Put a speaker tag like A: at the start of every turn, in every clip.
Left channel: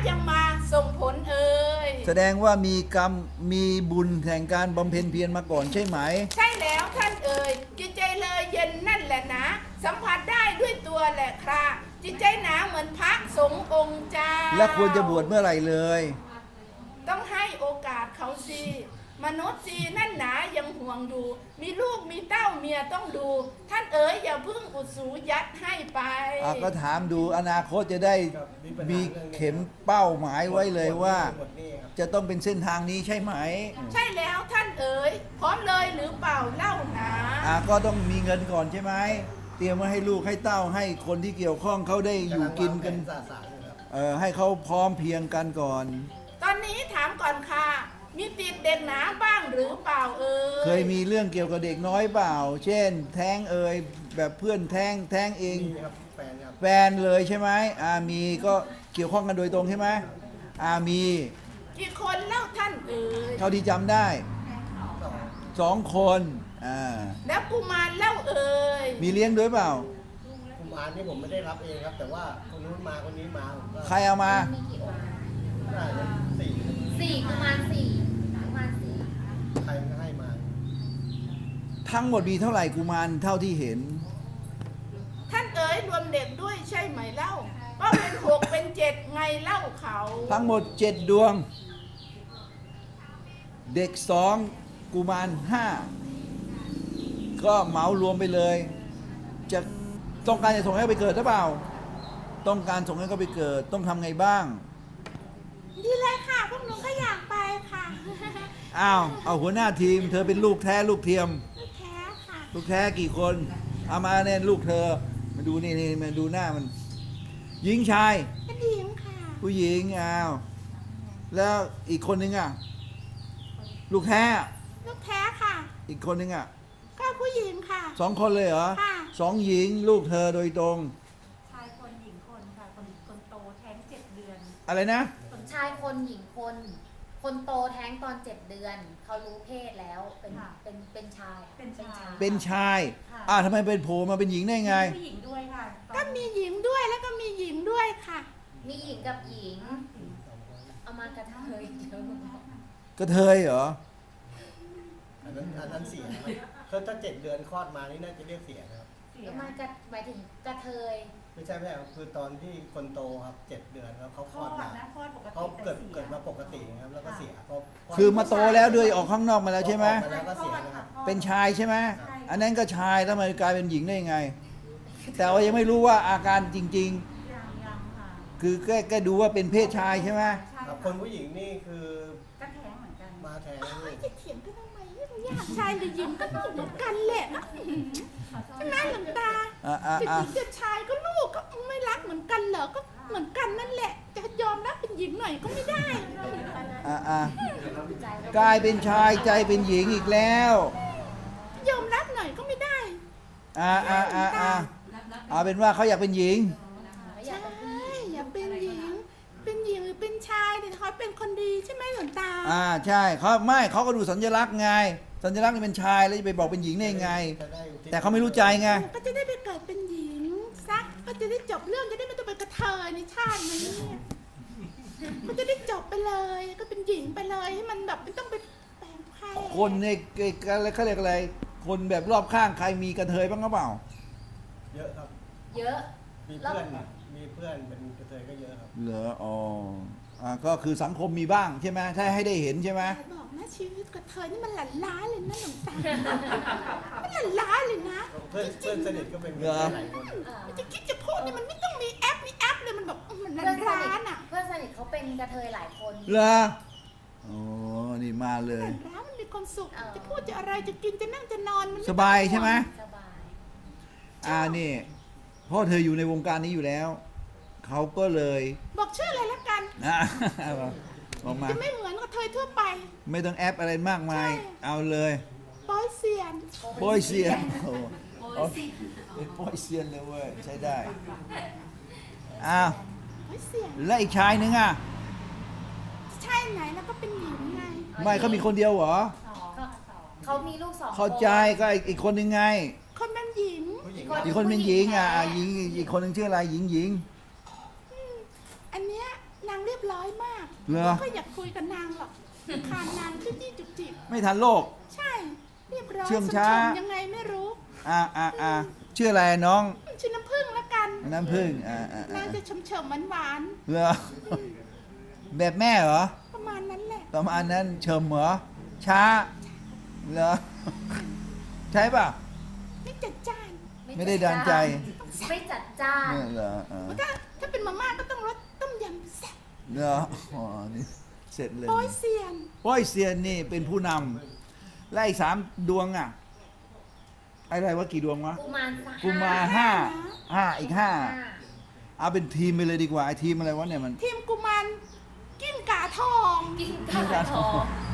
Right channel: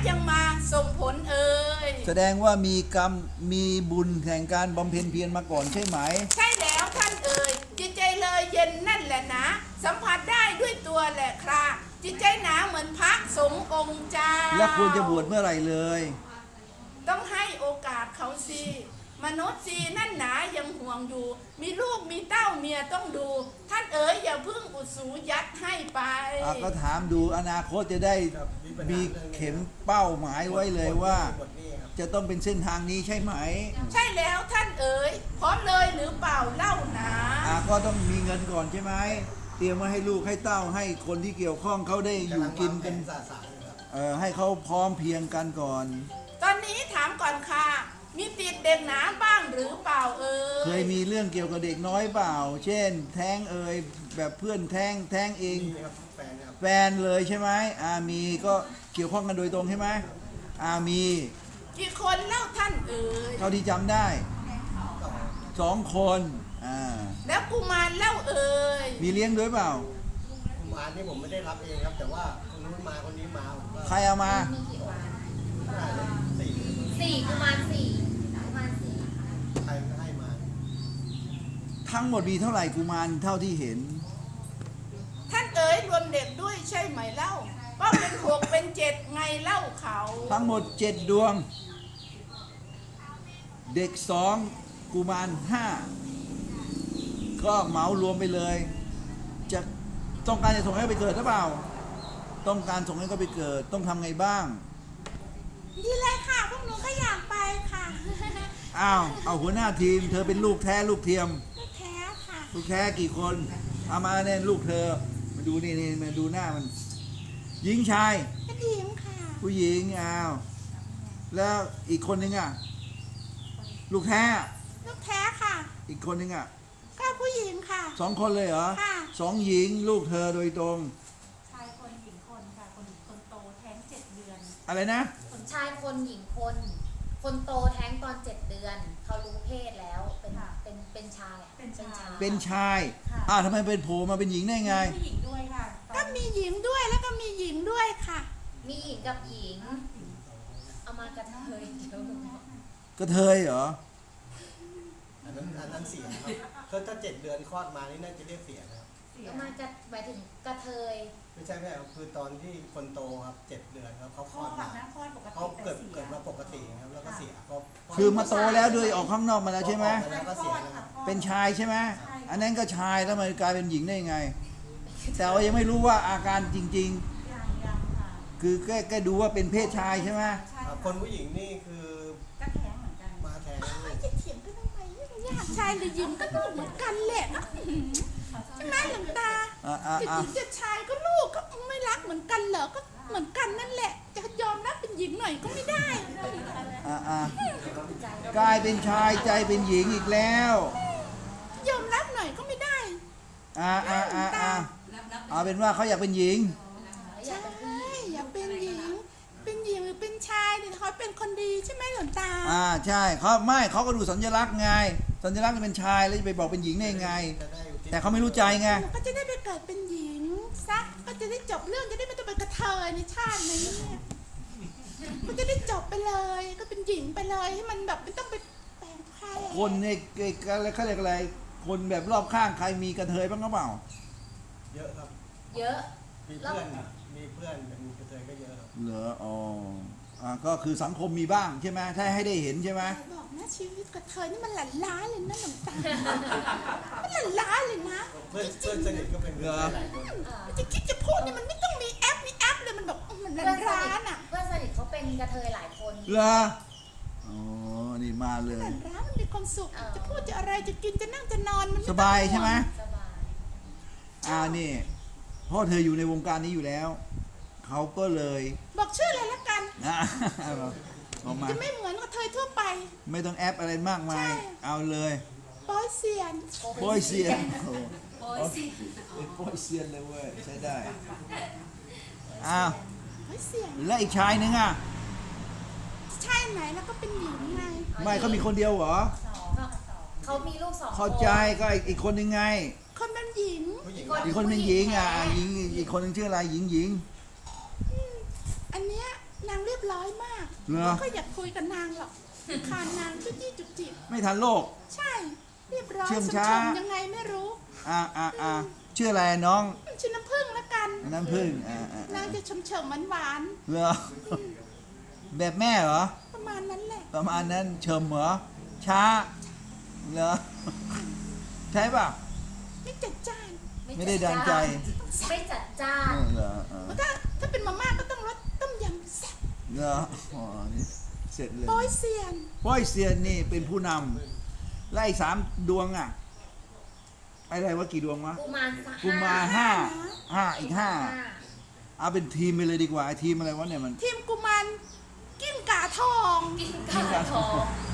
A: ยังมาส่งผลเอ่ย
B: แสดงว่ามีกรรมมีบุญแห่งการบำเพ็ญเพียรมาก่อนใช่ไหม
A: ใช่แล้วท่านเอ่ยจิตใจเลยเย็นนั่นแหละนะสัมผัสได้ด้วยตัวแหละค่ะจิตใจหนาเหมือนพระสงฆ์องค์เจ้า
B: และควรจะบวชเมื่อไหร่เลย
A: ต้องให้โอกาสเขาสิมนุษย์สินั่นหนายังห่วงดูมีลูกมีเต้าเมียต้องดู ท่านเอ๋ยอย่าเพิ่งอุดสูยัดให้ไป
B: ก็ถามดูอนาคตจะได้มีเข็มเป้าหมายไว้เลยว่า จะต้องเป็นเส้นทางนี้ใช่ไหม
A: ใช่แล้วท่านเอ๋ยพร้อมเลยหรือเปล่าเล่าหนา
B: ก็ต้องมีเงินก่อนใช่ไหมเตรียมไว้ให้ลูกให้เต้าให้คนที่เกี่ยวข้องเขาได้อยู่กินกันให้เขาพร้อมเพรียงกันก่อน
A: ตอนนี้ถามก่อนค่ะมีติดเด็กหนาบ้างหรือเปล่าเอ่ย
B: เคยมีเรื่องเกี่ยวกับเด็กน้อยเปล่า เช่น แท้งแบบเพื่อนแท้งเอง
C: มีครับแฟนครับ
B: แฟนเลยใช่ไหมมีก็เกี่ยวข้องกันโดยตรงใช่ไหมมี
A: กี่คนเล่าท่านเอ่ย
B: เท่าที่จำได้
C: ต่อ
B: 2 คน
A: แล้วกุมารเล่าเอ่ย
B: มีเลี้ยงด้วยเปล่า
C: กุมารนี่ผมไม่ได้รับเองครับ แต่ว่าคนนู้นมาคนนี้มาผมก็
B: ใครเอามา
D: มีกี่องค์
C: น่าจะสี่ครับ
D: สี่กุมารสี่กุมารสี่
C: ใครก็ให้มา
B: ทั้งหมดมีเท่าไหร่กุมารเท่าที่เห็น
A: ท่านเอ๋ยรวมเด็กด้วยใช่ไหมเล่าก็เป็น6เป็น7ไงเล่าเขา
B: ทั้งหมด7ดวง เด็ก2กุมาร5ก็เหมารวมไปเลย จะต้องการจะส่งให้ไปเกิดหรือเปล่า ต้องการส่งให้เขาไปเกิดต้องทำไงบ้าง
A: ดีเลยค่ะพวกหนูก็อยากไปค่ะ
B: เอาหัวหน้าทีม เธอเป็นลูกแท้ลูกเทียม
A: ไม่แท้ค่ะ
B: ลูกแท้กี่คนเอามาเนี่ยลูกเธอมาดูนี่มาดูหน้ามันหญิงชาย
A: ก็ดีมค่ะ
B: ผู้หญิงแล้วอีกคนนึงลูกแท้
A: ลูกแท้ค่ะ
B: อีกคนนึง
A: ก็ผู้หญิงค่ะ
B: 2 คนเลยเหรอ
A: ค่ะ
B: 2 หญิงลูกเธอโดยตรง
E: ชายคนหญิงคนค่ะคนโตแท้ง7 เดือน
B: อะไรนะ
D: ชายคนหญิงคน คนโตแท้งตอน7 เดือน เขารู้เพศแล้วเป็นชาย
E: เป็นชาย
B: เป็นชาย
E: ค่ะ
B: ทำไมเป็นโผล่มาเป็นหญิงได้ไง
E: มีผู้หญิงด้วยค่ะตอ
A: ก็
E: น
A: มีหญิงด้วยแล้วก็มีหญิงด้วยค่ะ
D: มีหญิงกับหญิง เอามากระเทยเดียว
B: กระเทยเหรอ
C: อันนั้นเสียครับคือถ้า7 เดือนคลอดมานี่น่าจะเรียกเสียนะครับ
E: เสีย
D: เอามากระหมายถึงกระเทย
C: ไม่ใช่ครับคือตอนที่คนโตครับ7 เดือนแล้วเขา
E: ค
C: ค
E: ล
C: ล
E: อ
C: อ
E: ด
C: ดมา
E: นะคลอดปกติ
C: เขาเกิด
E: แต่สีย
C: เกิดมาปกติครับแล้วก็เสียเขา
B: คือมาโตแล้วด้วยออกข้างนอกมาแล้วใช่ไหม
C: ออกาแล้วก็เสียนะครับ
B: เป็นชายใช่ไหม
E: ใช่ค่ะ
B: อันนั้นก็ชายแล้วมันกลายเป็นหญิงได้ยังไง แต่ว่ายังไม่รู้ว่าอาการจริง
E: ยังค่ะ
B: ๆ คือแค่ดูว่าเป็นเพศชายใช่ไหม
E: ใช่
C: ครับ
E: ะ
C: คนผู้หญิงนี่คือ
E: ก็แท้งเหมือนกัน
C: มาแทนลูก
A: จะเถียงกันทำไมไม่รู้อยากชายหรือหญิงก็ลูกเหมือนกันแหละใช่ไหมหลวงตา
B: อ่ะ
A: จะหญิงจะชายก็ลูกก็ไม่รักเหมือนกันเหรอก็เหมือนกันนั่นแหละ จะยอมรับเป็นหญิงหน่อยก็ไม่ได้
B: กลายเป็นชายใจเป็นหญิงอีกแล้ว
A: ยอมรับหน่อยก็ไม่ได้
B: เอาเป็นว่าเขาอยากเป็นหญิง
A: ใช่อย่าเป็นหญิง เป็นหญิงหรือเป็นชายเนี่ยเขาเป็นคนดีใช่ไหมหลวงตา
B: ใช่เขาก็ดูสัญลักษณ์ไงสัญลักษณ์เป็นชายแล้วจะไปบอกเป็นหญิงได้ไง
C: จะได้อุทิศ
B: แต่เขาไม่รู้ใจไง
A: ก็จะได้ไปเกิดเป็นหญิงซะก็จะได้จบเรื่องจะได้ไม่ต้องเป็นกระเทยในชาตินี้ก็จะได้จบไปเลย ก็เป็นหญิงไปเลยให้มันแบบไม่ต้องไปแปลงใคร
B: คนเนี่ยเขาเรียกอะไรคนแบบรอบข้างใครมีกระเทยบ้างหรือเปล่า
C: เยอะครับ
D: เยอะ
C: มีเพื่อนเป็นกระเทยก็เยอะครับ
B: เหรอก็คือสังคมมีบ้างใช่ไหมถ้าให้ได้เห็นใช่ไหม
A: บอกนะชีวิตกระเทยนี่มันหลั่นล้าเลยนะหลวงตามันหลั่นล้าเลยนะ
C: เพื่อนสนิทก็เป็นกระเทยหลายคน
A: จะคิดจะพูดเนี่ยมันไม่ต้องมีแอปเลยมันแบบมันหลั่
D: เพื่อน
A: น
D: ส
A: ล้า
D: นิท
A: อ่ะ
D: เพื่อนสนิทเขาเป็นกระเทยหลายคน
B: เหรอนี่มาเล
A: ห
B: ย
A: ลั่นล้ามันมีความสุขจะพูดจะอะไรจะกินจะนั่งจะนอนมัน
B: สบายใช่ไหม
D: สบาย
B: นี่เพราะเธออยู่ในวงการนี้อยู่แล้วเขาก็เลย
A: บอกชื่ออะไรละกัน
B: บอกมา
A: จะไม่เหมือนกระเทยทั่วไป
B: ไม่ต้องแอปอะไรมากมาย
A: ใช่
B: เอาเลย
A: ปอยเซียน
B: โป้ยเซียนเป็นโป้ยเซียนเลยเว้ยใช้ได้อ้าว
A: ปอยเซียน
B: แล้วอีกชายนึง
A: ใช่ไหนแล้วก็เป็นหญิงไง
B: ไม่เขามีคนเดียวเหรอ
D: เขามีลูก2 คน
B: เข้าใจก็อีกคนนึงไง
A: คนเป็นหญิง
C: ผู้หญิง
B: อีกคนเป็นหญิงหญิงอีกคนนึงชื่ออะไรหญิง
A: อันเนี้ยนางเรียบร้อยมาก
B: เหรอ
A: ไม่ค่อยอยากคุยกับนางหรอกคานนางจุ๊จี้จุกจิก
B: ไม่ทันโลก
A: ใช่เรียบร้อย
B: เชื่อง
A: สม
B: ช้า
A: ชมยังไงไม่รู้
B: ชื่ออะไรน้อง
A: ชื่อน้ำผึ้งละกัน
B: น้ำผึ้ง
A: นางจะเฉมๆหวาน
B: เหรอแบบแม่เหรอ
A: ๆประมาณนั้นแหละ
B: ประมาณนั้นเชิมเหรอช้าเหรอใช่ป่ะ
A: ไม่จัดจ้าน
B: ไม่ได้ดันใจ
D: ไม่จัดจ้าน
B: เหรอ
A: ถ้าเป็นมาม่าก็ต้องรสต้มยำแซ่บ
B: เหรออ๋อนี่เสร็จเลย
A: โป้ยเซียน
B: ป้อยเซียนนี่เป็นผู้นำและอีก3 ดวงอ่ะอะไรว่ากี่ดวงวะ
D: กุมาร
B: กุมารห้าอีก 5เอาเป็นทีมไปเลยดีกว่าไอ้ทีมอะไรวะเนี่ยมัน
A: ทีมกุมารกิ้งก่าทอง
D: กินข้าวทอง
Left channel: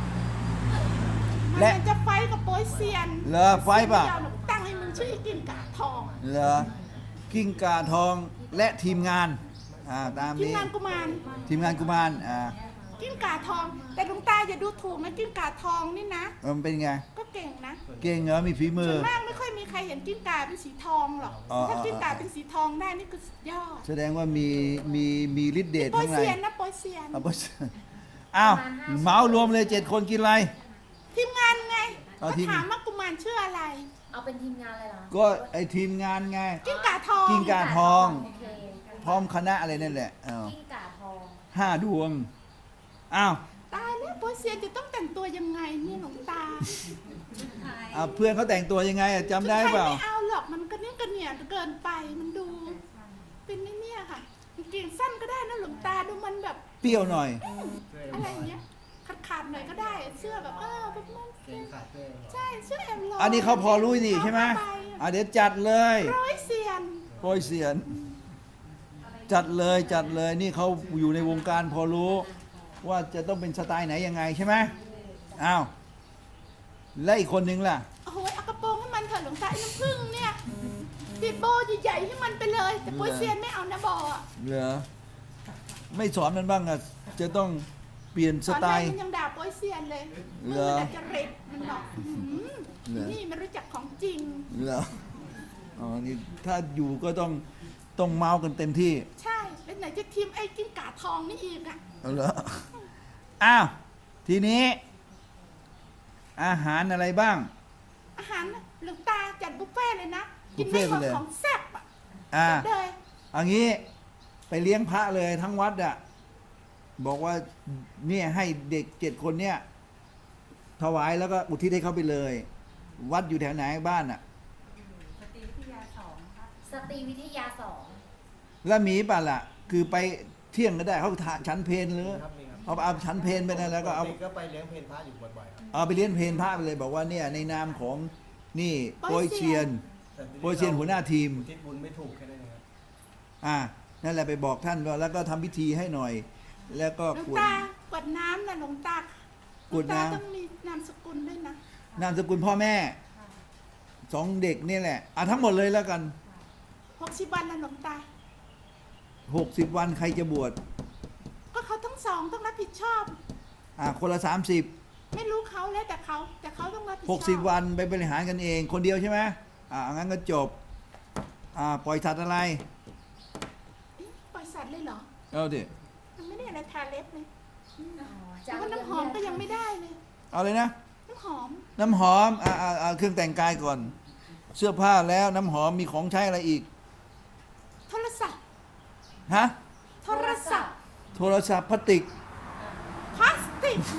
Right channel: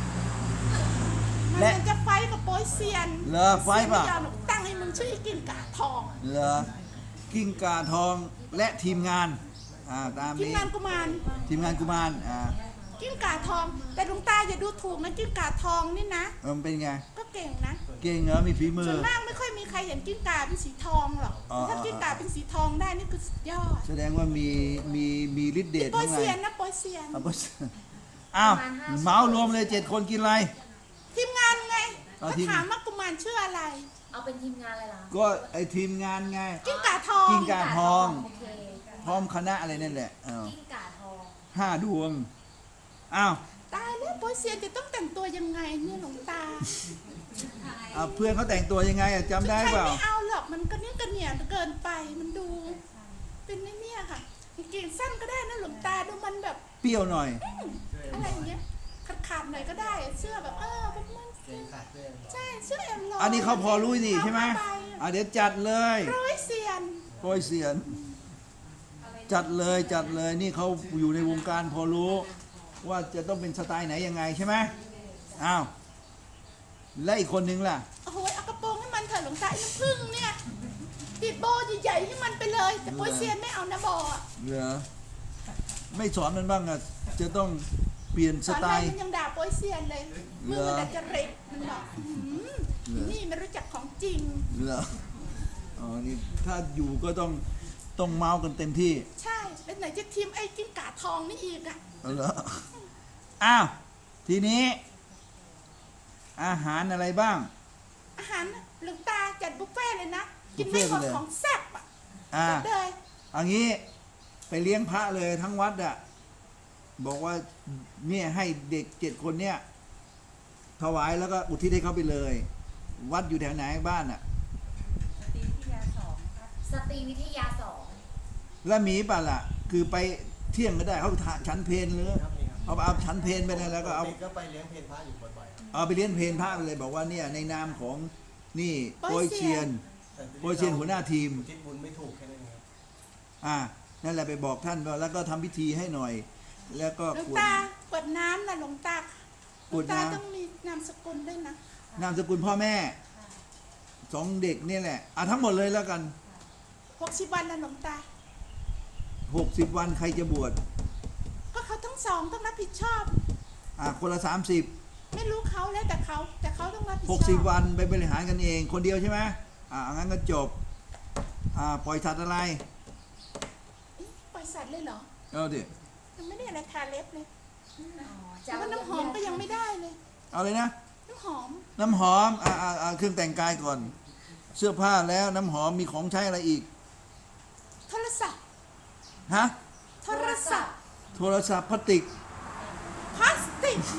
A: มันจะไฟท์กับโป้ยเซียน
B: เหรอไฟท์ป่ะ
A: เซียนไม่ยอมหรอกตั้งให้มันชื่อกิ้งก่าทอง
B: เหรอกิ้งก่าทองและทีมงานตาม
A: ทีม
B: นี้
A: งานกุมาร
B: ทีมงานกุมาร
A: กิ้งก่าทอง แต่หลวงตาอย่าดูถูกนะกิ้งก่าทองนี่นะ
B: มันเป็นไง
A: ก็เก่งนะ
B: เก่งเหรอมีฝีมื
A: ส่
B: อ
A: วนมากไม่ค่อยมีใครเห็นกิ้งก่าเป็นสีทองหรอก
B: อ๋อ
A: ถ้ากิ้งก่าเป็นสีทองได้นี่คือสุดยอด
B: แสดงว่ามีฤทธิ์เดช
A: โป้ย
B: ข้างใน
A: เซียนนะโป้ยเซียน
B: เอาไปอ้าวเหมารวมเลย7 คนกินอะไร
A: ทีมงานไง
B: เอา
A: ก็
B: ทีม
A: ถามว่ากุมารชื่ออะไร
D: เอาเป็นทีมงานเลยเหรอ
B: ก็ไอทีมงานไง
A: กิ้งก่าทอง
B: กิ้งก่า ทอง
D: โอเค
B: พร้อมคณะอะไรนั่นแหละ
D: กิ้งก่าทอง
B: 5 ดวงอ้าว
A: ตายแล้วโป้ยเซียนจะต้องแต่งตัวยังไงเนี่ยหลวงตา
B: เพื่อนเขาแต่งตัวยังไงจำได้
A: ใคร
B: เปล่า
A: ไม่เอาหรอกมันก็เนี่ยกระเหนี่ยเกินไปมันดู เป็นเนี่ยค่ะกางเกงสั้นก็ได้นะหลวงตาดูมันแบบ
B: เปรี้ยวหน่อย
A: อะไรอย่างเงี้ยขาดๆหน่อยก็ได้เสื้อแบบแบบมัน
C: เกงขาดด้วย
A: ใช่เสื้อแอมลอย
B: อันนี้เขาพอรู้นี่ใช่ไหมเดี๋ยวจัดเลย
A: ร้อยเซียน
B: โปรยเสียน จัดเลยนี่เขาอยู่ในวงการพอรู้ ว่าจะต้องเป็นสไตล์ไหนยังไงใช่ไหมอ้าวและอีกคนนึงล่ะ
A: โอ้โหเอากระโปรงให้มันเถอะหลวงตาไอ้น้ำผึ้งเนี่ยติดโบใหญ่ๆให้มันไปเลยแต่โป้ยเซียนไม่เอานะบอะ
B: เหรอไม่สอนมันบ้างอ่ะจะต้องเปลี่ยนส
A: สอน
B: ไต
A: อะไร
B: ล์
A: มันยังด่าโป้ยเซียนเลยมึงมันอาจจะเร็กมันบอกนี่ไม่รู้จักของจริง
B: เหรออ๋อนี่ถ้าอยู่ก็ต้องเมาส์กันเต็มที่
A: ใช่แล้วไหนจะทีมไอ้จิ้งก่าทองนี่อีกอะ
B: เอาเหรออ้าวทีนี้ อาหารอะไรบ้าง
A: อาหารหลวงตาจัดบุฟเฟ่ต์เลยนะกิน
B: บุฟ
A: ไม่
B: เฟ่ต์
A: หมด
B: ไปเลย
A: ของแซ่บอะ
B: อ่า
A: จัดเลย
B: อันนี้ไปเลี้ยงพระเลยทั้งวัดอ่ะบอกว่าเนี่ยให้เด็ก7 คนเนี่ยถวายแล้วก็อุทิศให้เขาไปเลย วัดอยู่แถวไหนบ้านอ่ะ
E: สตรีวิทยา2ครับ
D: สตรีวิทยา
B: แล้วมีป่ะล่ะ คือไปเที่ยงก็ได้เขาฉันเพลหรือ
C: ครับนี่ครับ
B: เอาฉันเพลไปนะแล้วก็เอา
C: ปก็ไปเลี้ยงเพลพระอยู่บ่อยๆครับ
B: เอาไปเลี้ยงเพลพระไปเลย บอกว่าเนี่ยในนามของนี่โปรยเชียน
C: แต่ที
B: โปรยเชียนหัวหน้าทีม
C: อุทิศบุญไม่ถูกแค่นั้นเองครับ
B: นั่นแหละไปบอกท่านว่าแล้วก็ทำพิธีให้หน่อย แล้วก็
A: หลวง
B: กรวด
A: ตากวดน้ำนะหลวงตาหล
B: กร
A: ว
B: ว
A: ง
B: ด
A: ตา
B: น้ำ
A: ต้องมีนามสกุลด้วยนะ
B: นามสกุลพ่อแม่2 เด็กนี่แหละทั้งหมดเลยแล้วกัน
A: 60 วันนะหลวงตา
B: 60 วันใครจะบวช
A: ก็เขาทั้งสองต้องรับผิดชอบ
B: คนละ30
A: ไม่รู้เขาแล้วแต่เขาต้องรับผิดชอบ
B: 60 วันไปบริหารกันเองคนเดียวใช่ไหมเอางั้นก็จบปล่อยสัตว์อะไร
A: ปล่อยสัตว์เลยเหรอ
B: เอาดิ
A: ยังไม่ได้อะไรทาเล็บเลย
D: 2 อ๋อ
A: แต่ว่าน้ำหอมก็ยังไม่ได้เลย
B: เอาเลยนะ
A: น้ำหอม
B: น้ำหอมเครื่องแต่งกายก่อน เสื้อผ้าแล้วน้ำหอมมีของใช้อะไรอีก
A: โทรศัพท์
B: ฮะ
A: โทรศัพท์
B: โทรศัพท์พลาสติก
A: พลาสติก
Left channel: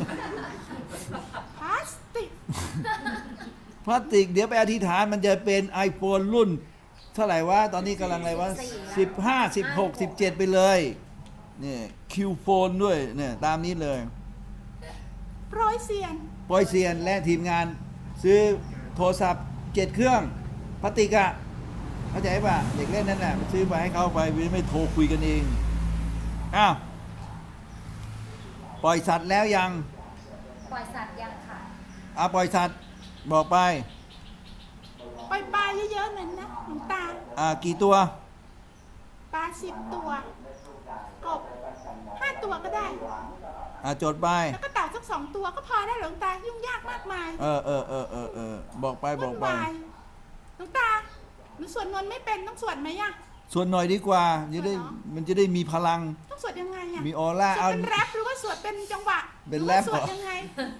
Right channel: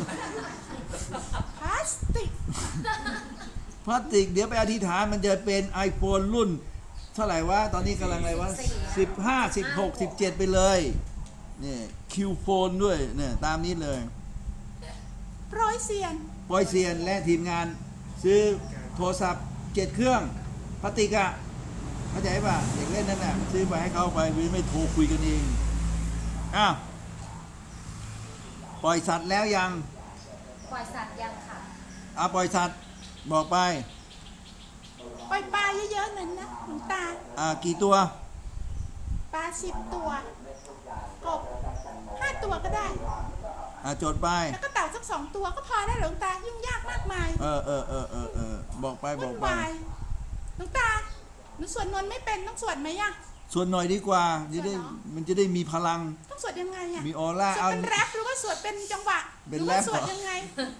A: พลาสติก
B: พลาสติกเดี๋ยวไปอธิษฐานมันจะเป็น iPhone รุ่น เท่าไหร่วะ ตอนนี้กำลังอะไรวะ15 16 17 ไปเลยนี่คิวโฟนด้วยเนี่ยตามนี้เลย
A: ร้อยเซียน
B: ปอยเซียนและทีมงานซื้อโทรศัพท์7 เครื่องพลาสติกอะเข้าใจป่ะเด็กเล่นนั่นแหละซื้อไปให้เขาไปไม่โทรคุยกันเองอ้าวปล่อยสัตว์แล้วยัง
D: ปล่อยสัตว์ยังค่ะ
B: ปล่อยสัตว์บอกไป
A: ปล่อยปลาเยอะๆหน่อยนะหลวงตา
B: กี่ตัว
A: ปลา10 ตัว กบ5 ตัวก็ได้
B: จดไป
A: แล้วก็เต่าสัก2 ตัวก็พอแล้วหลวงตายุ่งยากมากมาย
B: บอกไปบ
A: วุ่
B: อก
A: น
B: ไป
A: วายหลวงตาหนูสวดมนต์ไม่เป็นต้องสวดไหมอะ
B: สวดหน่อยดีกว่าจะได้
A: สวดเหรอ
B: มันจะได้มีพลัง
A: ต้องสวดยังไงเนี่ย
B: มีออร่า
A: สวด
B: เอา
A: เป็นแรปหรือว่าสวดเป็นจังหวะ
B: เป็น
A: หรือ
B: แร
A: ว่า
B: ป
A: สวด
B: เหรอ
A: ยังไง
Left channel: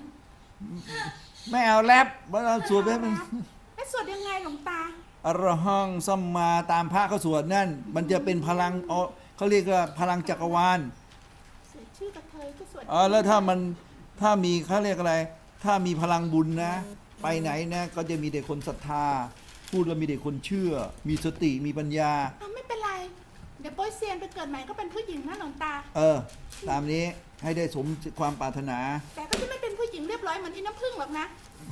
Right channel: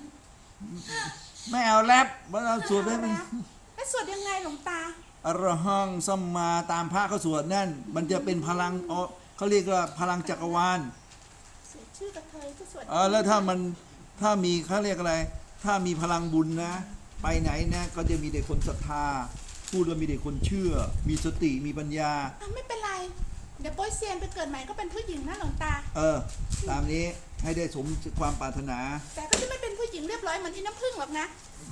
B: ไม่เอาแรปมันเอาสวดเป็น
A: แล้วสวดยังไงหลวงตา
B: อรหังสัมมาตามพระเขาสวดนั่น มันจะเป็นพลังเขาเรียกว่าพลังจักรวาล
A: เสียชื่อกระเทยก็สวด
B: แล้วถ้ามีเขาเรียกอะไร ถ้ามีพลังบุญนะ ไปไหนนะก็จะมีแต่คนศรัทธา พูดแล้วมีแต่คนเชื่อ มีสติมีปัญญา
A: ไม่เป็นไร เดี๋ยวโป้ยเซียนไปเกิดใหม่ก็เป็นผู้หญิงนะหลวงตา
B: ตามนี้ให้ได้สมความปรารถนา
A: แต่ก็จะไม่เป็นผู้หญิงเรียบร้อยเหมือนอีน้ำผึ้งหรอกนะ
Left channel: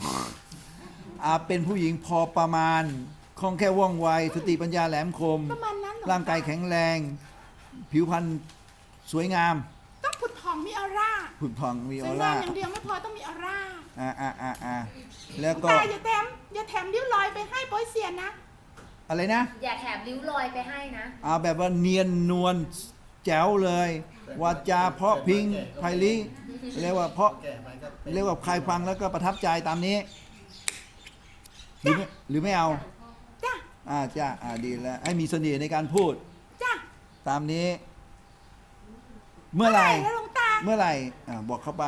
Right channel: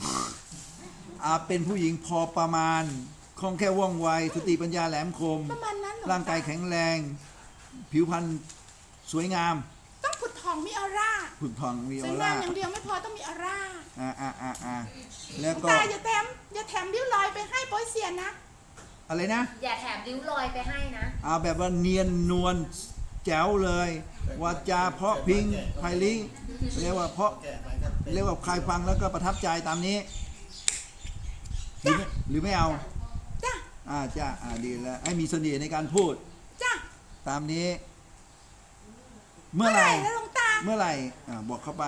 B: เป็นผู้หญิงพอประมาณคล่องแคล่วว่องไว สติปัญญาแหลมคม
A: ประมาณนั้นหลวงตา
B: ร่างกายแข็งแรง ผิวพรรณสวยงาม
A: ต้องผุดทองมีออร่า
B: ผุดผ่องมี
A: ส
B: อ
A: วย
B: อร่า
A: งามอย่างเดียวไม่พอต้องมีออร่า
B: แล้ว
A: หลวง
B: ก็
A: ตาอย่าแถมริ้วรอยไปให้โป้ยเซียนนะ
B: อะไรนะ
D: อย่าแถมริ้วรอยไปให้นะ
B: แบบว่าเนียนนวลแจ๋วเลยวาจาเพราะพริ้งไพลิเรียกว่าเพราะ
C: แก่ไปก็เป็น
B: เรียกว่าใครฟังแล้วก็ประทับใจตามนี้ หรือไม่เอา
A: จ้ะ
B: จ้าดีแล้ว ให้มีเสน่ห์ในการพูด
A: จ้ะ
B: ตามนี้ เมื่อไหร่
A: แล้วหลวงตา
B: เมื่อไหร่บอกเข้าไป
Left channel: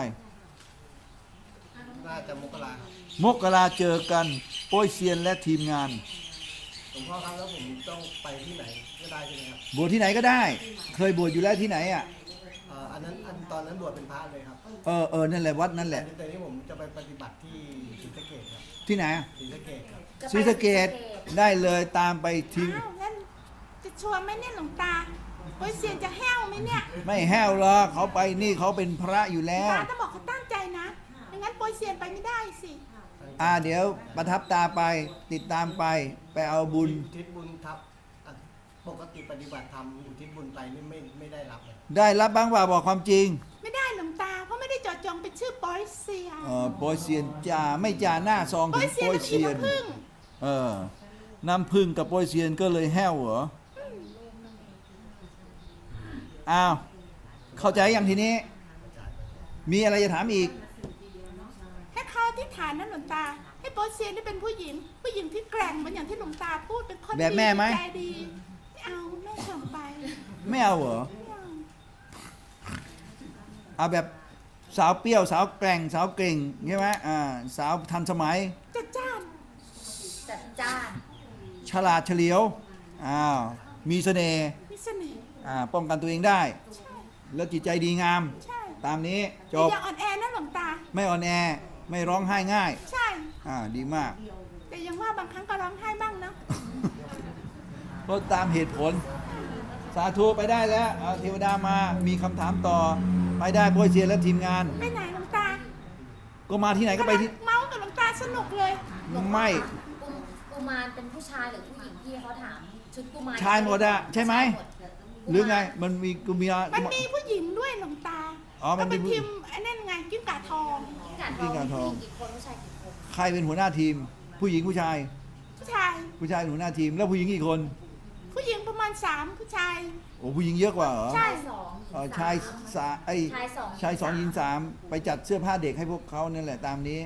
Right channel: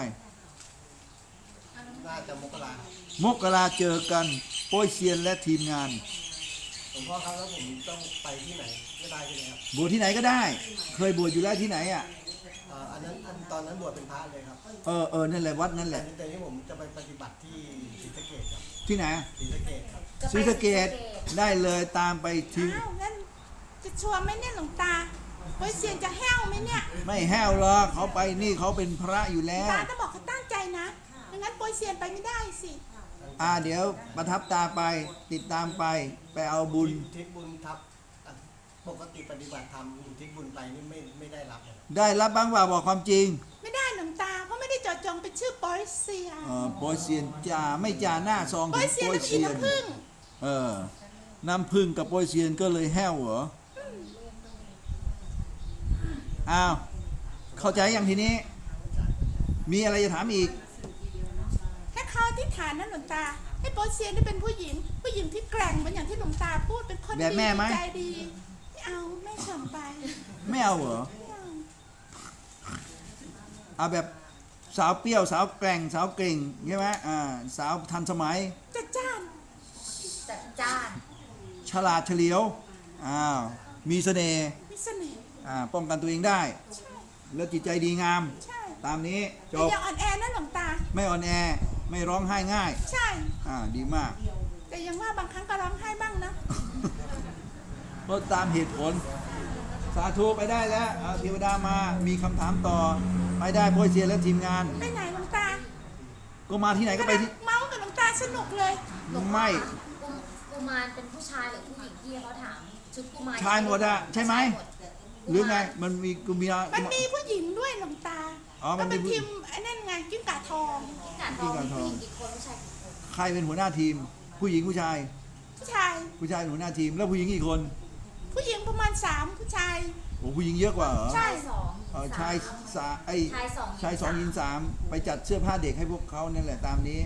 C: น่าจะมกราครับ
B: มกราเจอกันโป้ยเซียนและทีมงาน
C: หลวงพ่อครับแล้วผมต้องไปที่ไหนก็ได้ใช่ไหมครับ
B: บวชที่ไหนก็ได้ เคยบวชอยู่แล้วที่ไหน
C: ตอนนั้นบวชเป็นพระเลยครับ
B: นั่นแหละวัดนั่นแหละ
C: แต่นี้ผมจะไปปฏิบัติที่ศรีสะเกษครับ
B: ที่ไหน
C: ศรีสะเกษครับ
B: ศรีสะเกษได้เลยตามไปที่
A: อ้าวงั้นจะชัวร์ไหมเนี่ยหลวงตาโป้ยเซียนจะแห้วไหมเนี่ย
B: ไม่แห้วหรอกเขาไปนี่เขาเป็นพระอยู่แล้ว
A: ตาต้องบอกเขาตั้งใจนะไม่งั้นโป้ยเซียนไปไม่ได้สิ
B: เดี๋ยวประทับตาไปติดตามไปเอาบุญ
C: อุทิศบุญทับปกติปฏิบัติธรรมอุทิศบุญไปนี่ไม่ได้รับเลย
B: ได้รับบ้างว่าบอกความจริง
A: ไม่ได้หลวงตาเพราะไม่ได้เจดจงเป็นชื่อโป้ยเซียน
B: โปยเซียนจ่าไม่จ่าหน้าซอง
A: โป้
B: ถึ
A: ย
B: ง
A: เซียน
B: โปย
A: เป็นอี
B: เซียน
A: น้ำผึ้ง
B: น้ำพึ่งกับโปยเซียนก็เลยแห้วเหรอเข้าใจอย่างทีนี้ มีอะไรจะถามอีก
A: ให้เขาที่ฐานนะหลวงตา ให้โป้ยเซียนได้เป็นผู้หญิงที่แกร่งเหมือนอย่างที่หลวงตาพูดเป็นคน
B: แบบแม่ไหม
A: ใจดีไม่เอาแม่ส่งไป
B: ไม่เอาเหรอ
A: ไม่เอา
B: แบบสาวเปรี้ยวสาวแกร่งสาวเก่งใช่ไหมสาวทันสมัย
A: จัดจ้าน
D: จัดจ้าน
B: ฉลาดเฉลียวมีเสน่ห์
A: มีเสน่ห์
B: ป้องกันตัวเองได้
A: ใช่
B: แล้วจิตใจดีงาม
A: ใช่
B: ตามนี้จ
A: แต่
B: บ
A: อย่าอ่อนแอนะหลวงตา
B: ไม่อ่อนแอไม่ร้องไห้ง่าย
A: ใช่
B: ดีมาก
A: แต่ยังว่าบางครั้งก็ร้องไห้บ้างนะ
B: เพราะตามเหตุผล สาธุไปได้แล้วเอาเทวดามามีคำถามต่อ ไปได้โปรยเซียนและทีมงาน
A: ไปไหนหลวงตา
B: ก็มาที่ไหนก็ไปที่
A: เมาส์กับหลวงตาสนุกเลย
D: หลวงพ่อ
B: ไม่
D: กุมารเป็นผู้ชายหรือผู้หญิงที่เขาถามชุดกุมาร
B: ชายหมดอะใช่ไหม
D: ชายด
B: หรือไงมันมีกุมี
A: มันมีผู้หญิงด้วยหลวงตา
B: มัน
A: เป็
B: เป็น น
A: ทีมไอ้นั่นไงกิ้งก่าทอง
D: กัดทองผู้หญิงกี่คนผู้ชายกี่คน
B: ใครเป็นหัวหน้าทีม ผู้หญิงผู้ชาย
A: ผู้ชาย
B: ผู้ชายเป็นหัวหน้าทีม แล้วผู้หญิงกี่คน
A: ผู้หญิงประมาณ3ผู้ชาย
B: โอ้ผู้หญิงเยอะกว่าเหรอ
A: ใช่
D: สอง
B: ชายสาชายสองหญิงสามไปจัดเสื้อผ้าเด็กให้พวกเขานั่นแหละตามนี้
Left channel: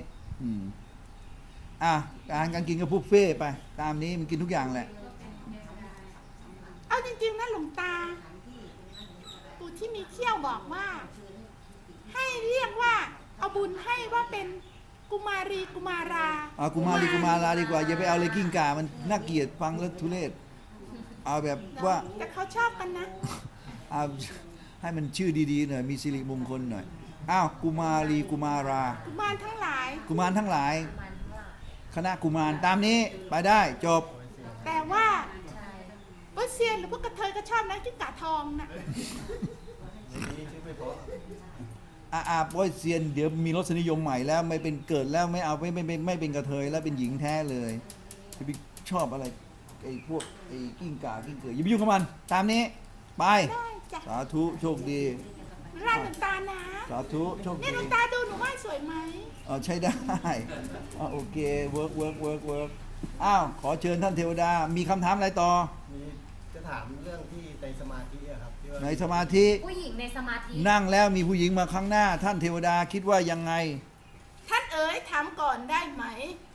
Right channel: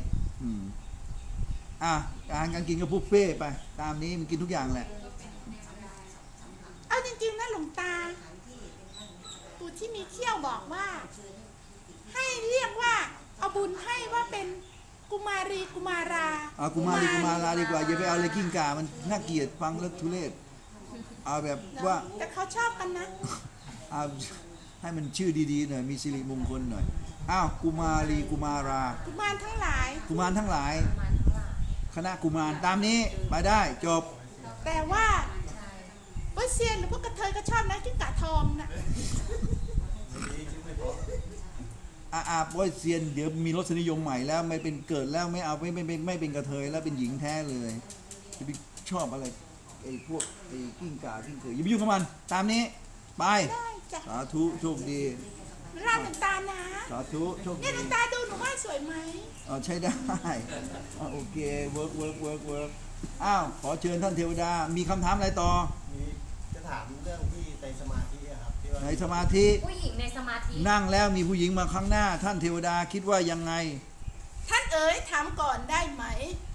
B: การกินก็บุฟเฟ่ต์ไป ตามนี้มันกินทุกอย่างแหละ
A: เอาจริงๆนะหลวงตา ปู่ที่มีเขี้ยวบอกว่า ให้เรียกว่า เอาบุญให้ว่าเป็นกุมารีกุมารา
B: กุมารีกุมาราดีกว่าอย่าไปเอาเลยกิ้งก่ามันน่าเกลียดฟังแล้วทุเรศเอาแบบว่า
A: แต่เขาชอบกันนะ
B: เอาให้มันชื่อดีๆหน่อยมีสิริมงคลหน่อยกุมารีกุมารา
A: กุมารทั้งหลาย
B: กุมารทั้งหลาย
D: กุมารทั้งหลาย
B: คณะกุมารตามนี้ไปได้จบ
A: แต่ว่า
D: ใช่
A: เปอร์เซียนหรือพวกกระเทยก็ชอบนะกิ้งก่าทองนะ
C: ในนี้ชื่อไม่พอ
B: โอ้ยเซียนเดี๋ยวมีรสนิยมใหม่แล้วไม่เป็นเกิดแล้วไม่เอาไม่เป็นกระเทยแล้วเป็นหญิงแท้เลยจะไปชอบอะไรไอ้พวกไอ้กิ้งก่ากิ้งเกยอย่าไปยุ่งกับมัน ตามนี้ไป
A: ได้จ้ะ
B: สาธุโชคดี
A: ร้านหลวงตานะ
B: สาธุโชค
A: เนี่ยหล
B: ดี
A: วงตาดูหนูว่าสวยไหม
B: ใช้ได้โอเคเวิร์กขอเชิญท่านเทวดามีคำถามอะไรต่อ
C: มีจะถามเรื่องที่ในสมาธิอะครับที่ว่า
B: ในสมาธิ
D: ผู้หญิงในสมาธิ
B: นั่งแล้วมีผู้หญิงมาข้างหน้า ท่านเทวดาคิดว่ายังไง
A: ท่านเอ๋ยถามก่อนได้ไหม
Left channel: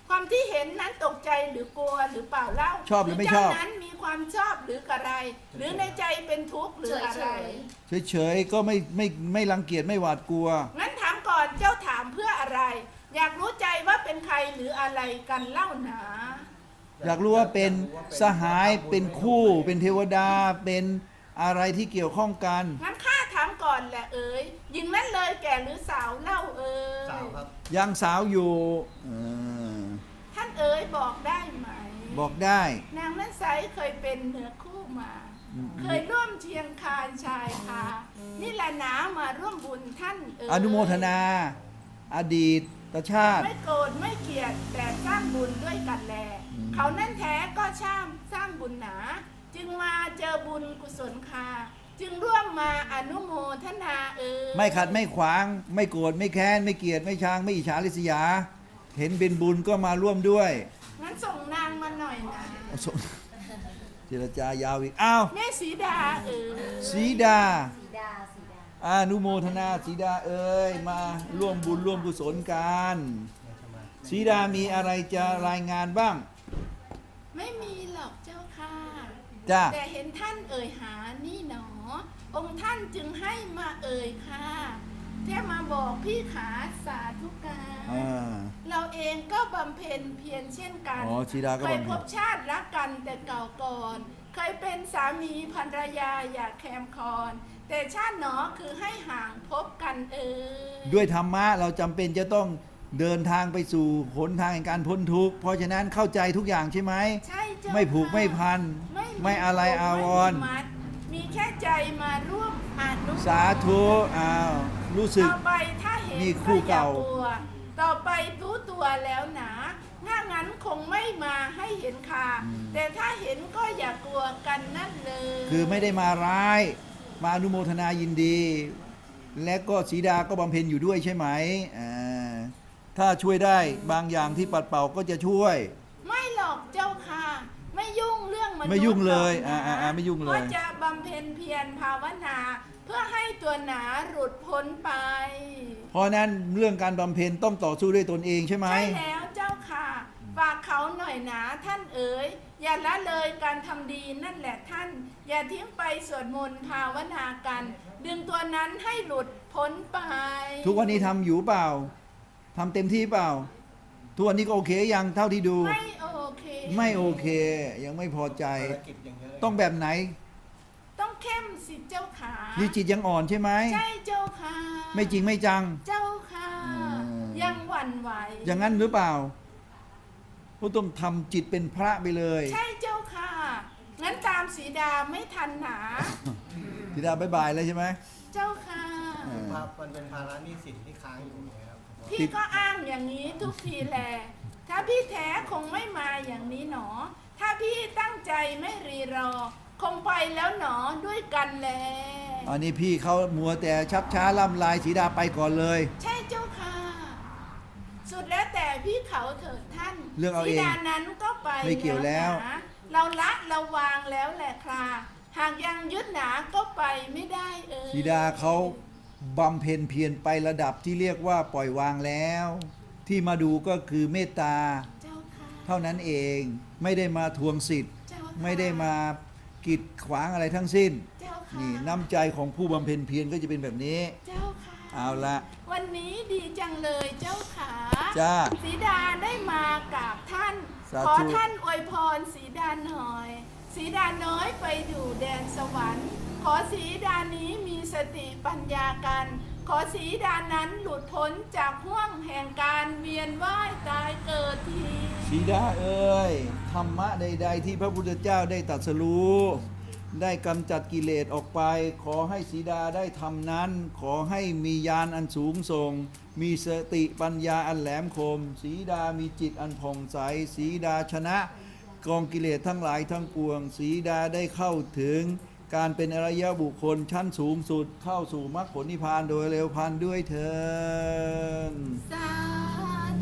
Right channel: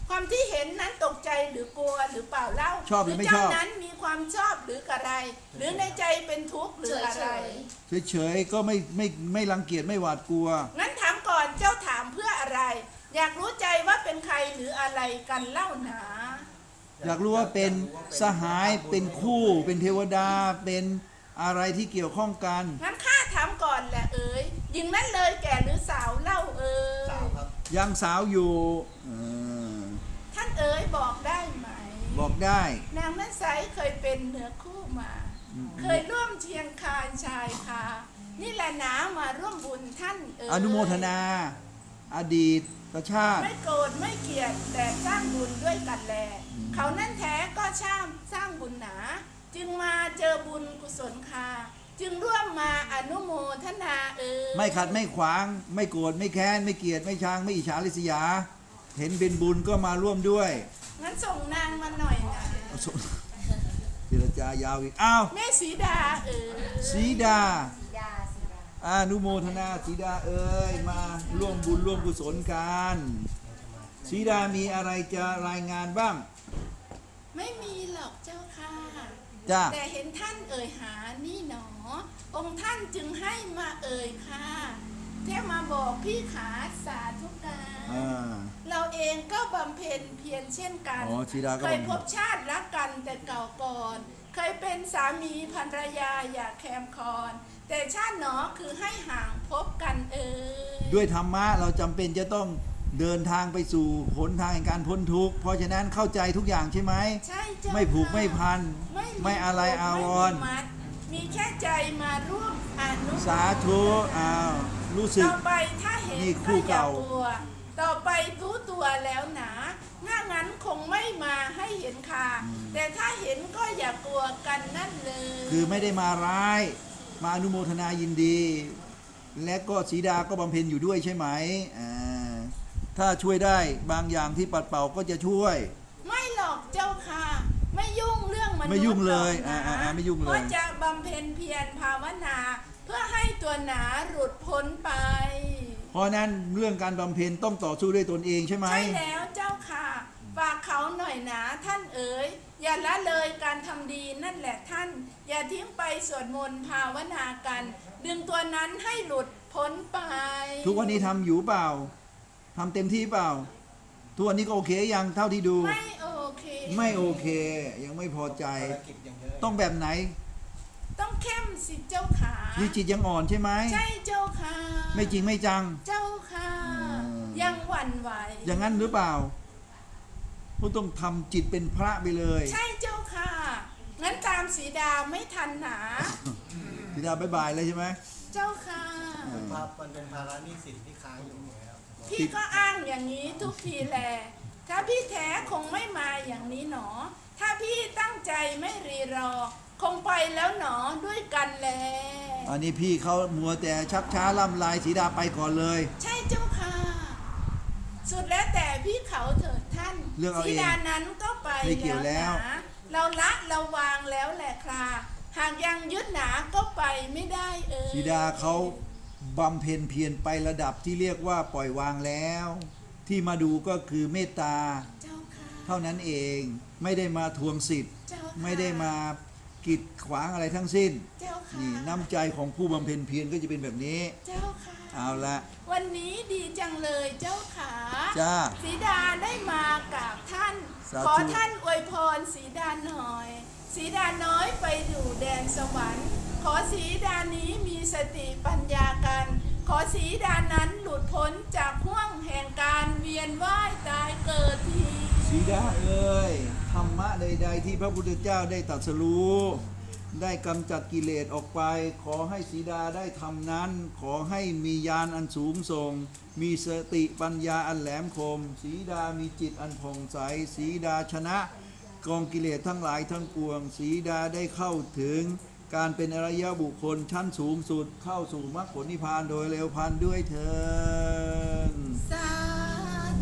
A: ความที่เห็นนั้นตกใจหรือกลัวหรือเปล่าเล่า
B: ชอบหรือไม่ชอบ
A: เจ้านั้นมีความชอบหรืออะไร หรือในใจเป็นทุกข์หรืออะไร
B: เฉยๆก็ไม่รังเกียจไม่หวาดกลัว
A: งั้นถามก่อนเจ้าถามเพื่ออะไร อยากรู้ใจว่าเป็นใครหรืออะไรกันเล่าหนา
B: อยากรู้ว่าเป็นสหายเป็นคู่เป็นเทวดาเป็นอะไรที่เกี่ยวข้องกัน
A: งั้นข้าถามก่อนแหละเอ๋ยหญิงนั้นเลยแก่หรือสาวเล่าเอ๋ย
C: สาวครับ
B: ยังสาวอยู่อ
A: ท่านเอ๋ยบอกได้ไหม
B: บอกได้
A: นางนั้นไซเคยเป็นเนื้อคู่มา เคยร่วมเชียงคานชายคานี่แหละหนามาร่วมบุญท่านเอ๋ย
B: อนุโมทนา อดีตชาติ
A: ไม่โกรธไม่เกลียดแต่สร้างบุญด้วยกันแล เขานั่นแท้ก็สร้างบุญหนา จึงมาเจอบุญกุศลคาจึงร่วมมาอนุโมทนาเอ๋ย
B: ไม่ขัดไม่ขวาง ไม่โกรธไม่แค้นไม่เกลียดไม่ชังไม่อิจฉาริษยา เห็นเป็นบุญก็มาร่วมด้วย
A: งั้นส่งนางมาหน่อยนะ
B: เจรจายาวอีกอ้าว
A: แม่สีดาเอ๋ย
B: สีดา
D: สีดาสีดา
B: อนุโมทนาสีดาเอ้ยมาร่วมบุญร่วมกุศลกันสีดามีอะไรจะรายงานบ้าง
A: ไม่มีหรอกเจ้าค่ะ
B: จ้า
A: แต่เห็นท่านเอ่ยหานี่หนอ องค์ท่านจึงให้มาเอ่ยค่ะแค่มาบอกพี่ขาสาธุการ
B: อ่า
A: เราเองก็บำเพ็ญเพียรเช่นกัน
B: อ๋อสีดาก็
A: เคย
B: บำเพ็ญ
A: พบชาติรักกันแต่เก่าก่อน เคยเป็นสามีภรรยาอย่าแคมคอน แต่ชาติหนอคือให้ห่างพบกันเอ่ย
B: ด้วยธรรมะเราจำเป็นจะต้องเดินทางไปสู่หนทางแห่งการพ้นทุกข์เพราะฉะนั้นเข้าใจทุกอย่างใช่ไหม
A: ใช่เจ้า
B: ไม่ผูก
A: ค่ะ
B: ไม่พัน ไม่อะไรอาวรณ์
A: ไม่มีมัดมีแค่ใจมาร่วมอนุโมทน
B: สาธุอ้าวรู้สึก
A: ต่อไปถ้าเห็น
B: นี่คู่
A: ก็อย่า
B: เก่า
A: กลัว ต่อไปรู้ตัวแล้วหนาถ้างั้นคงไม่มาให้เห็นค่ะ แต่ถ้าเห็นก็อย่ากลัวกันนั่นเลย
B: คือไม่ได้มาร้าย มาอนุโมทนายินดี และก็สีดาก็บำเพ็ญอยู่ด้วยใช่ไหมอ่าถ้าช่วยได้บางอย่างที่ปัดเป่าก็จะช่วย
A: ไม่หรอกเจ้าค่ะ ไม่ยุ่งเรื่องมนุษย์
B: ไม่ยุ่งเลย
A: หรอกนะ
B: ไม่ยุ่งเลย
A: เพราะจะบำเพ็ญเพียรภาวนา เพื่อให้ตัวหนาหลุดพ้นไป
B: เพราะนั้นเรื่องการบำเพ็ญต้องต่อสู้ด้วยตนเองใช่ไหม
A: ใช่แล้วเจ้าค่ะ ฝากเขาหน่อยนะท่านเอ๋ย อย่าละเลยการทำดีนั่นแหละท่าน อย่าทิ้งไปสวดมนต์ภาวนากัน ดึงตัวนั้นให้หลุดพ้นไป
B: ทุกวันนี้ทำอยู่เปล่าทำเต็มที่เปล่า ทุกวันนี้ก็โอเคยังเท่าที่ดู
A: ไม่โอเค
B: ไม่โอเค ยังไม่พอใจ
C: ภารกิจอย่างเยอะ
B: ต้องแบบไหน
A: ต้องเข้มสิเจ้าขา
B: นี่จิตยังอ่อนใช่ไหม
A: ใช่เจ้าค่ะ
B: ไม่จริงไม่จัง
A: เจ้าค่ะ ยังหวั่นไหว
B: อย่างนั้นหรือเปล่าก็ต้องทำจิตเป็นพระไปเลย
A: ใช่เจ้าค่ะ งั้นตามสีดาไม่ทันหนา
B: สีดาบายบายเลยใช่ไหม
A: เจ้าค่ะ
C: ภาพมันเป็นภาระหนี้สินที่ค้างอยู่นะครับ
A: พี่ก็อ้างอย่างนี้ทุกทีแล ถ้าพี่แท้คงไม่มาอย่างนี้หนอ ถ้าพี่ตั้งใจไม่รีรอ คงไปแล้วหนอด้วยกันแล
B: อันนี้พี่เขามัวแต่ชักช้าล่ำลายสีดาไปก่อนเลย
A: ใช่เจ้าค่ะ สุดแล้วแต่พี่เขาเถิดท่าน
B: เรื่องเอาเอง
A: สีดานั้นก็ไป
B: ไม่เกี่ยวแล้ว
A: นะเราละเราวางแล้วแหละค่ะ หากยังยึดหนาก็ไปไม่ได้เอ่ย
B: สีดาเขาบำเพ็ญเพียรไประดับที่เรียกว่าปล่อยวางแล้ว ที่มาดูก็คือเมตตา
A: เจ้าค่ะ
B: เท่านั้นเองไม่ได้มาทวงสิทธิ์
A: เจ้าค่ะ
B: ไม่ได้มากีดขวางอะไรทั้งสิ้น
A: เจ้าค่ะ
B: นี่น้ำใจของผู้บำเพ็ญเพียรก็จะเป็นแบบนี้
A: เจ้าค่ะ
B: เอาละ
A: วันนี้ดีจังเลยเจ้าขา
B: จ้า
A: สีดาได้มากับท่าน
B: สาธุ
A: ขอท่านอวยพรสีดาหน่อย สีดาน้อยไปอยู่แดนสวรรค์ ขอสีดานี้มีสติปัญญากัน ขอสีดานั้นหลุดพ้นจากห่วงแห่งการเวียนว่ายตายเกิดที
B: สีดาเอ้ยธรรมะใด ๆ ที่พระพุทธเจ้าได้ตรัสรู้ได้กำจัดกิเลสออกไป ขอให้สีดาได้ทำนั้น ขอให้มีญาณอันสูงส่ง มีสติปัญญาอันแหลมคม สีดามีจิตอันผ่องใส สีดาชนะกองกิเลสทั้งหลายทั้งปวง สีดาได้เข้าถึงการเป็นอริยบุคคลชั้นสูงสุดเข้าสู่มรรคผลนิพพานโดยเร็วพลันด้วยเถิด
A: สาธุ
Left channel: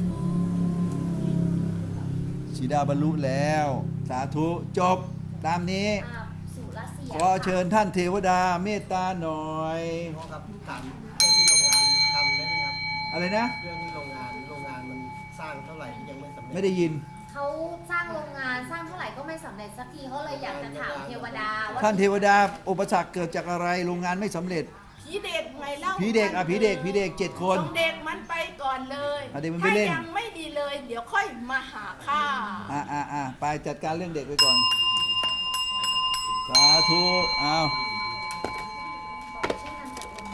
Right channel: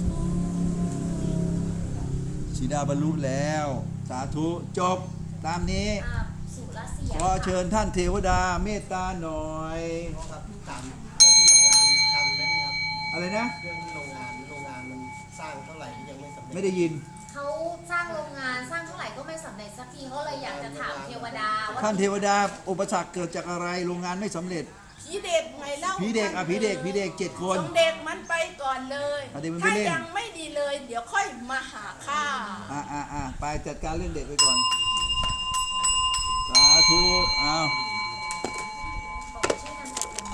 B: สีดาบรรลุแล้ว สาธุจบตามนี้
D: สุรเสีย
B: ขอเชิญท่านเทวดาเมตตาหน่อย
C: น้องครับถามเพื่อนที่โรงงานทำได้ไหมครับ
B: ออะไรนะ
C: เรื่องที่โรงงานมันสร้างเท่าไหร่ที่ยังไม่สำเร็จ
B: ไม่ได้ยิน
D: เขาสร้างโรงงานสร้างเท่าไหร่ก็ไม่สำเร็จสักทีเขาเลยอยากจะถามเทวดาว่า
B: ท่านเทวดาอุปสรรคเกิดจากอะไรโรงงานไม่สำเร็จ
A: ผีเด็กไงเล่า
B: ผีเด็กผีเด็ก7 คน
A: ต้องเด็กมันไปก่อนเลย
B: เอาเด็กมันไป
A: ถ้า
B: เล่น
A: ยังไม่ดีเลย เดี๋ยวค่อยมาหาข้า
B: ไปจัดการเรื่องเด็กไปก่อน สาธุเอา
D: บอกช่วยกันจัดเป็น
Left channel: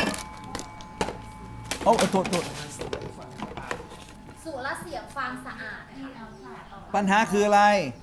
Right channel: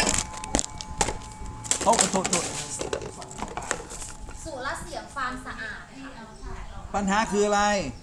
B: โอ้โทษ
D: สุรเสียงฟาร์มสะอาด
B: ปัญหาคืออะไร
D: เ